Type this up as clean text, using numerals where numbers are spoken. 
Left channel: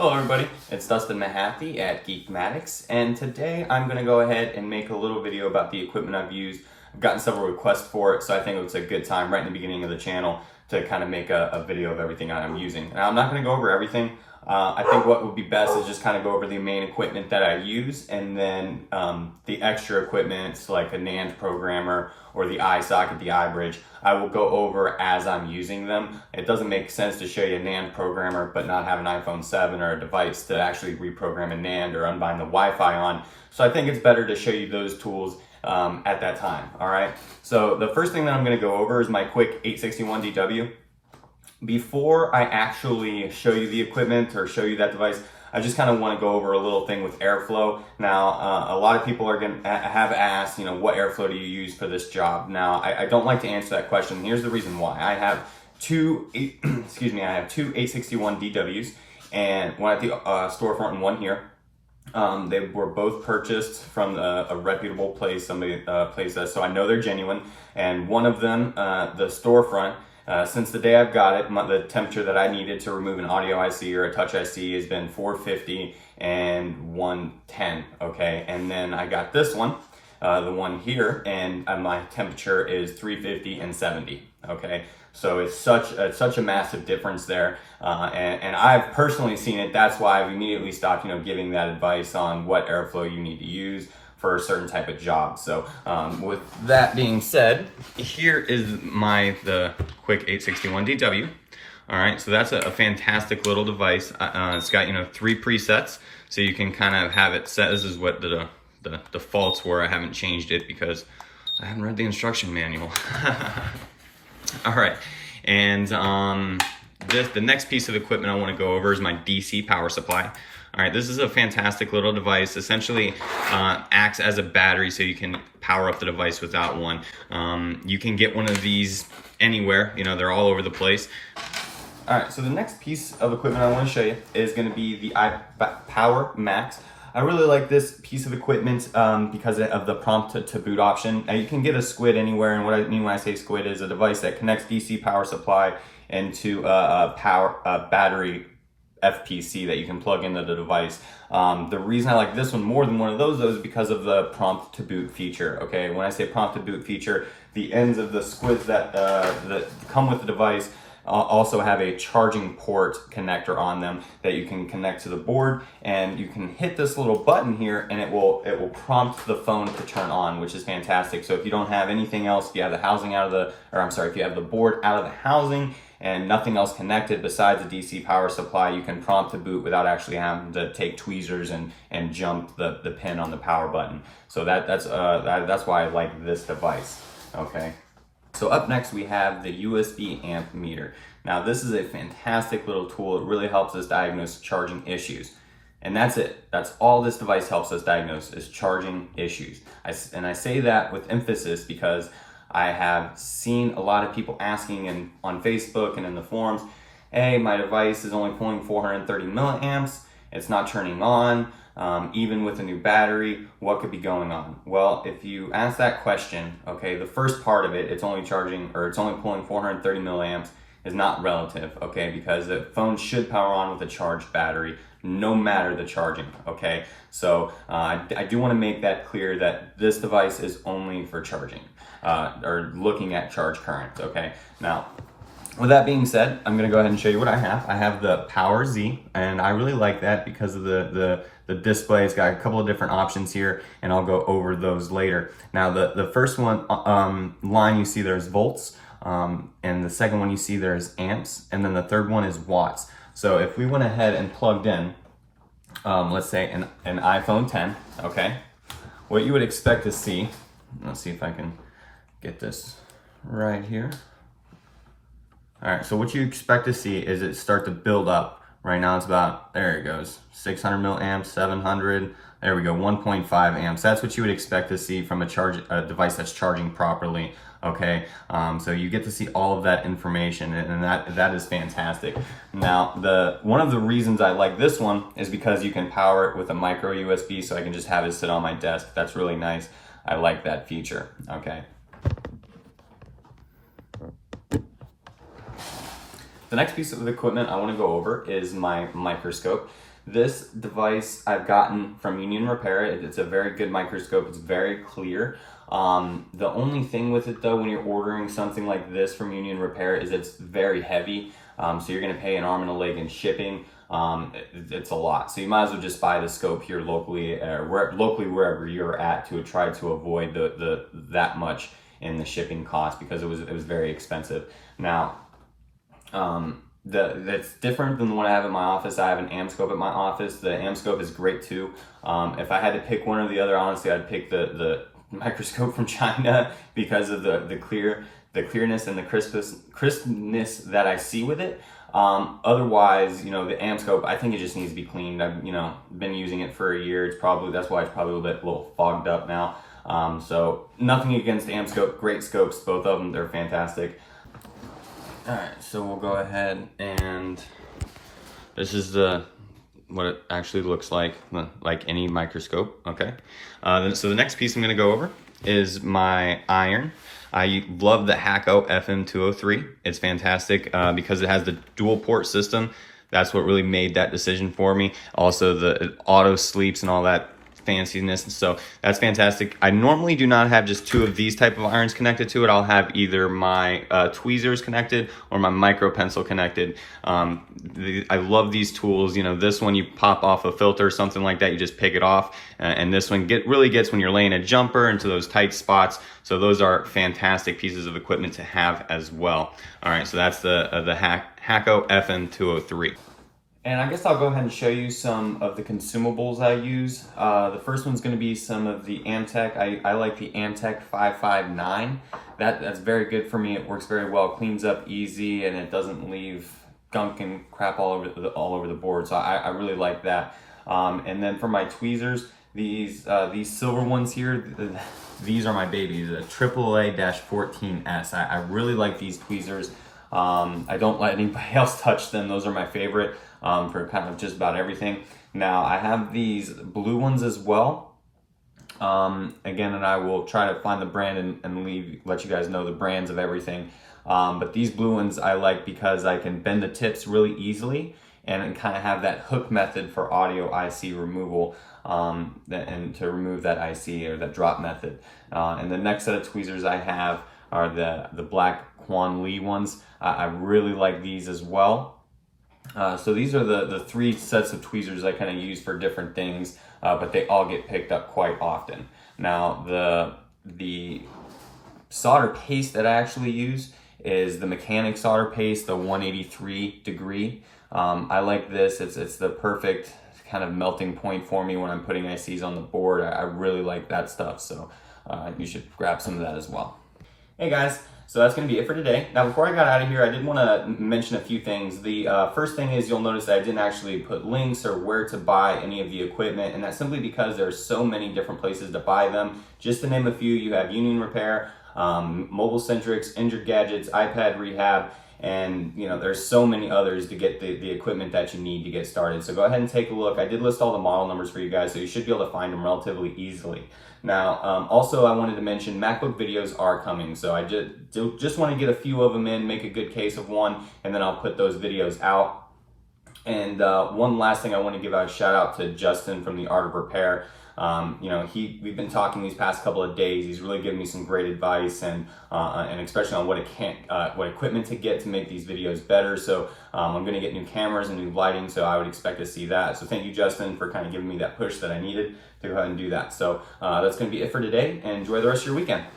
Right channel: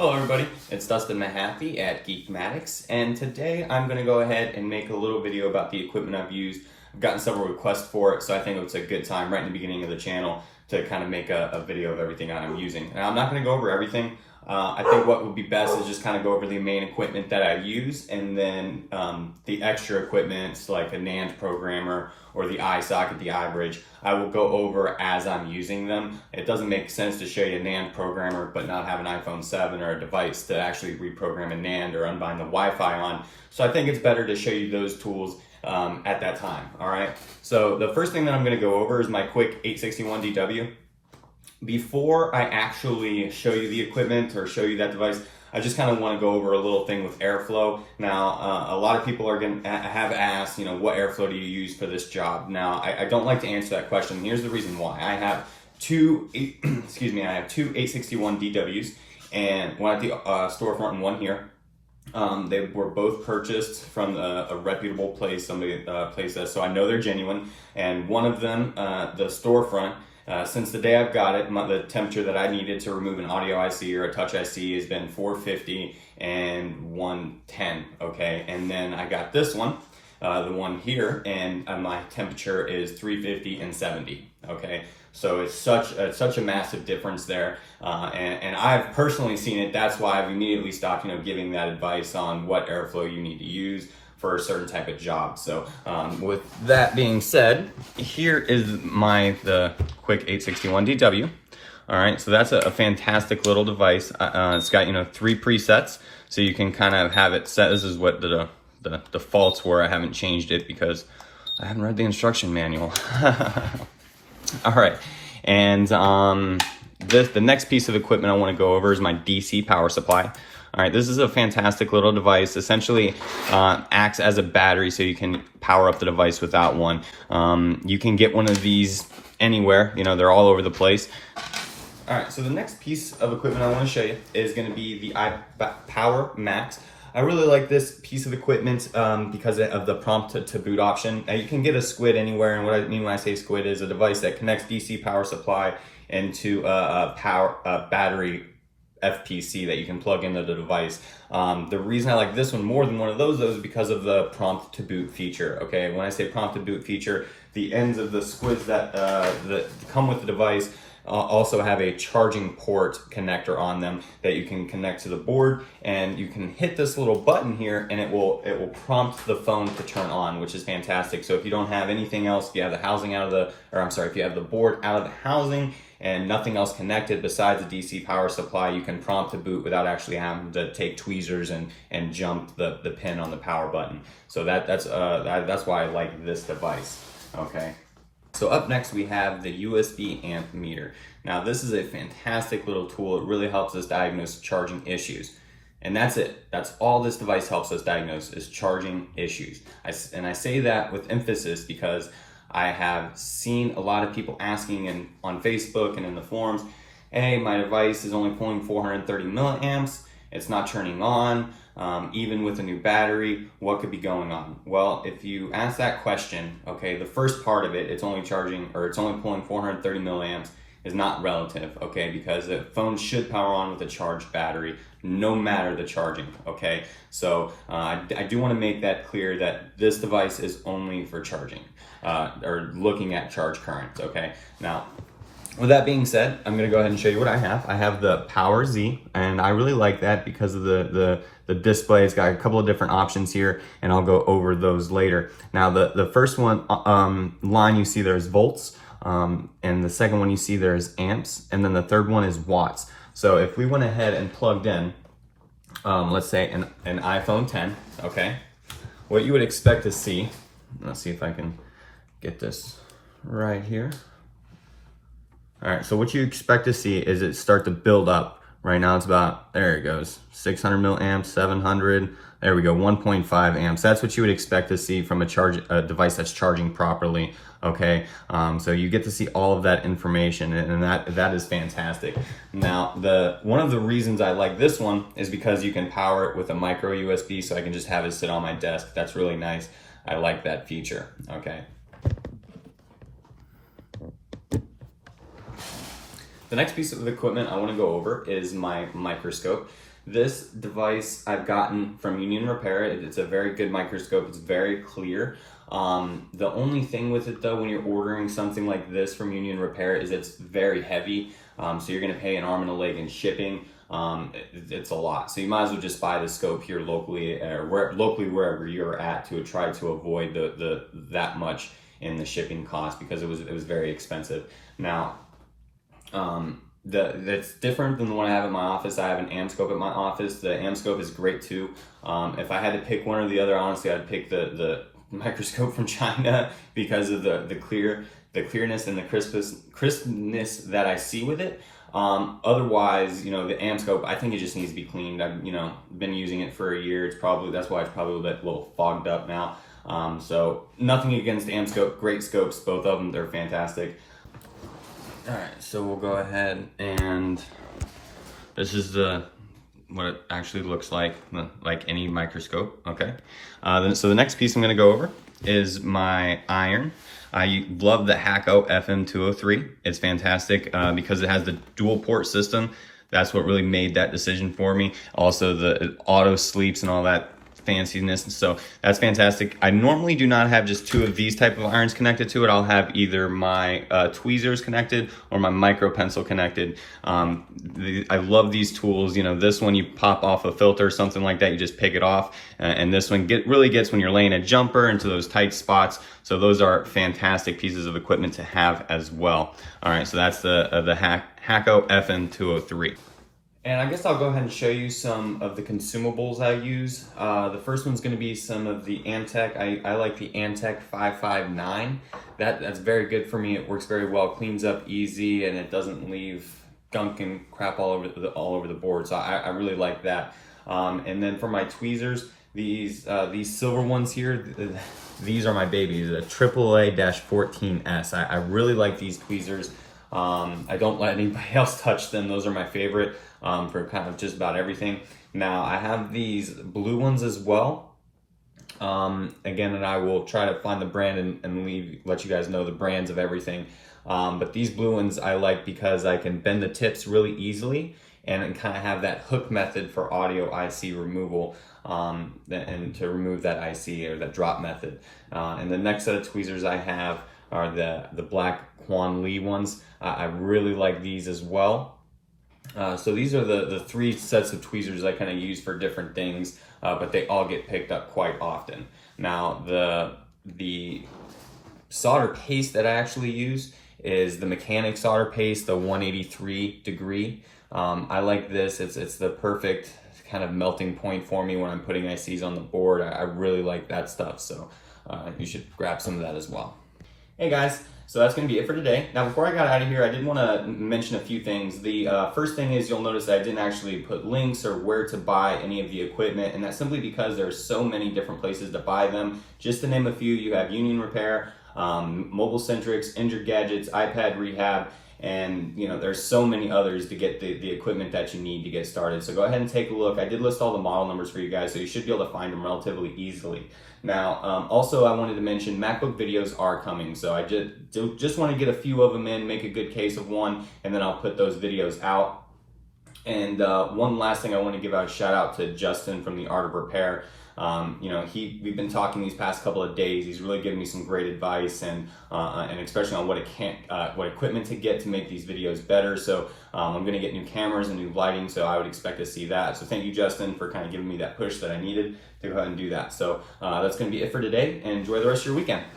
Hello everybody, it's Dustin Mahaffey at Geekmatics, and today I'm going to go ahead and make a little video about the equipment I've used. I've gotten several requests for it, so I think it's a good time right in the beginning of the channel to kind of make a video of everything that I'm using. Now I'm not going to go over everything. I think what would be best is just kind of go over the main equipment that I use, and then the extra equipment like a NAND programmer or the eye socket, the eye bridge, I will go over as I'm using them. It doesn't make sense to show you a NAND programmer but not have an iPhone 7 or a device to actually reprogram a NAND or unbind the Wi-Fi on. So I think it's better to show you those tools at that time, all right? So the first thing that I'm gonna go over is my Quick861 DW. Before I actually show you the equipment or show you that device, I just kind of want to go over a little thing with airflow. Now, a lot of people are going to have asked, you know, what airflow do you use for this job? Now, I don't like to answer that question. Here's the reason why. I have two 861 DWs, and one at the storefront and one here. They were both purchased from a reputable place, somebody placed that, so I know they're genuine. And one of them, the storefront, since the day I've got it, the temperature that I needed to remove an audio IC or a touch IC has been 450 and 110, okay? And then I got this one, the one here, and my temperature is 350 and 70, okay? So it's such a massive difference there, and I've personally seen it. That's why I've immediately stopped, you know, giving that advice on what airflow you need to use for a certain type of job. So with that being said, here is the Quick861 DW. All right, so that's a fantastic little device. It's got, you know, 3 presets, so you can kind of have it set. This is what the defaults were. I haven't changed it because I haven't read the instruction manual. All right, and the next piece of equipment I want to go over is my DC power supply. All right, this is a fantastic little device. Essentially acts as a battery, so you can power up the device without one. You can get one of these anywhere, you know, they're all over the place. All right, so the next piece of equipment I want to show you is going to be the iPower Max. I really like this piece of equipment because of the prompt to boot option. Now you can get a squid anywhere, and what I mean when I say squid is a device that connects DC power supply into a battery FPC that you can plug into the device. The reason I like this one more than one of those though is because of the prompt to boot feature. Okay, when I say prompt to boot feature, the ends of the squids that come with the device also have a charging port connector on them that you can connect to the board, and you can hit this little button here and it will prompt the phone to turn on, which is fantastic. So if you don't have anything else, if you have the housing if you have the board out of the housing and nothing else connected besides the DC power supply, you can prompt to boot without actually having to take tweezers and jump the pin on the power button. So that's why I like this device, okay? So up next we have the USB amp meter. Now this is a fantastic little tool. It really helps us diagnose charging issues. And that's it. That's all this device helps us diagnose is charging issues. And I say that with emphasis because I have seen a lot of people asking on Facebook and in the forums, hey, my device is only pulling 430 milliamps. It's not turning on. Even with a new battery, what could be going on? Well, if you ask that question, okay, the first part of it, it's only pulling 430 milliamps is not relative, okay, because the phone should power on with a charged battery, no matter the charging, okay? So I do want to make that clear that this device is only for charging or looking at charge current, okay? Now, with that being said, I'm gonna go ahead and show you what I have. I have the PowerZ, and I really like that because of the display. It's got a couple of different options here, and I'll go over those later. Now, the first one line you see there's volts, and the second one you see there's amps, and then the third one is watts. So if we went ahead and plugged in, let's say an iPhone 10, okay, what you would expect to see, let's see if I can get this right here. All right, so what you expect to see is it start to build up. Right now it's about, there it goes, 600 milliamps, 700, there we go, 1.5 amps. That's what you would expect to see from a device that's charging properly, okay? So you get to see all of that information, and that is fantastic. Now, one of the reasons I like this one is because you can power it with a micro USB, so I can just have it sit on my desk. That's really nice. I like that feature, okay? The next piece of equipment I want to go over is my microscope. This device I've gotten from Union Repair. It's a very good microscope. It's very clear. The only thing with it though, when you're ordering something like this from Union Repair, is it's very heavy. So you're going to pay an arm and a leg in shipping. It's a lot. So you might as well just buy the scope here locally, or wherever you're at, to try to avoid that much in the shipping cost, because it was very expensive. Now, that's different than the one I have in my office. I have an Amscope at my office. The Amscope is great too. If I had to pick one or the other, honestly, I'd pick the microscope from China because of the clearness and the crispness that I see with it. Otherwise, you know, the Amscope, I think it just needs to be cleaned. I've, you know, been using it for a year. That's why it's probably a little fogged up now. So nothing against Amscope, great scopes, both of them, they're fantastic. All right, so we'll go ahead, and this is what it actually looks like any microscope. Okay. So the next piece I'm going to go over is my iron. I love the Hakko FM203. It's fantastic because it has the dual port system. That's what really made that decision for me. Also, the auto sleeps and all that fanciness, so that's fantastic. I normally do not have just two of these type of irons connected to it. I'll have either my tweezers connected or my micro pencil connected. I love these tools. You know, this one you pop off a filter or something like that, you just pick it off, and this one really gets when you're laying a jumper into those tight spots. So those are fantastic pieces of equipment to have as well. All right, so that's the Hakko FM203. And I guess I'll go ahead and show you some of the consumables I use. The first one's going to be some of the Amtech. I like the Amtech 559. That's very good for me. It works very well, cleans up easy, and it doesn't leave gunk and crap all over the board. So I really like that. And then for my tweezers, these silver ones here, these are my babies, the AAA-14S. I really like these tweezers. I don't let anybody else touch them. Those are my favorite. For kind of just about everything. Now I have these blue ones as well. Again, and I will try to find the brand and let you guys know the brands of everything. But these blue ones I like because I can bend the tips really easily and kind of have that hook method for audio IC removal, and to remove that IC or that drop method. And the next set of tweezers I have are the black QianLi ones. I really like these as well. So these are the three sets of tweezers I kind of use for different things, but they all get picked up quite often. Now the solder paste that I actually use is the mechanic solder paste, the 183 degree. I like this. It's the perfect kind of melting point for me when I'm putting ICs on the board. I really like that stuff, so you should grab some of that as well. Hey guys, so that's going to be it for today. Now, before I got out of here, I did want to mention a few things. The first thing is, you'll notice that I didn't actually put links or where to buy any of the equipment, and that's simply because there are so many different places to buy them. Just to name a few, you have Union Repair, Mobile Centrics, Injured Gadgets, iPad Rehab, and you know, there's so many others to get the equipment that you need to get started. So go ahead and take a look. I did list all the model numbers for you guys, so you should be able to find them relatively easily. Now, also I wanted to mention MacBook videos are coming, so I just want to get a few of them in, make a good case of one, and then I'll put those videos out. And one last thing, I want to give out a shout out to Justin from the Art of Repair. You know, we've been talking these past couple of days. He's really given me some great advice, and especially on what equipment to get to make these videos better. So I'm going to get new cameras and new lighting, so I would expect to see that. So thank you, Justin, for kind of giving me that push that I needed to go ahead and do that. So that's going to be it for today, and enjoy the rest of your weekend.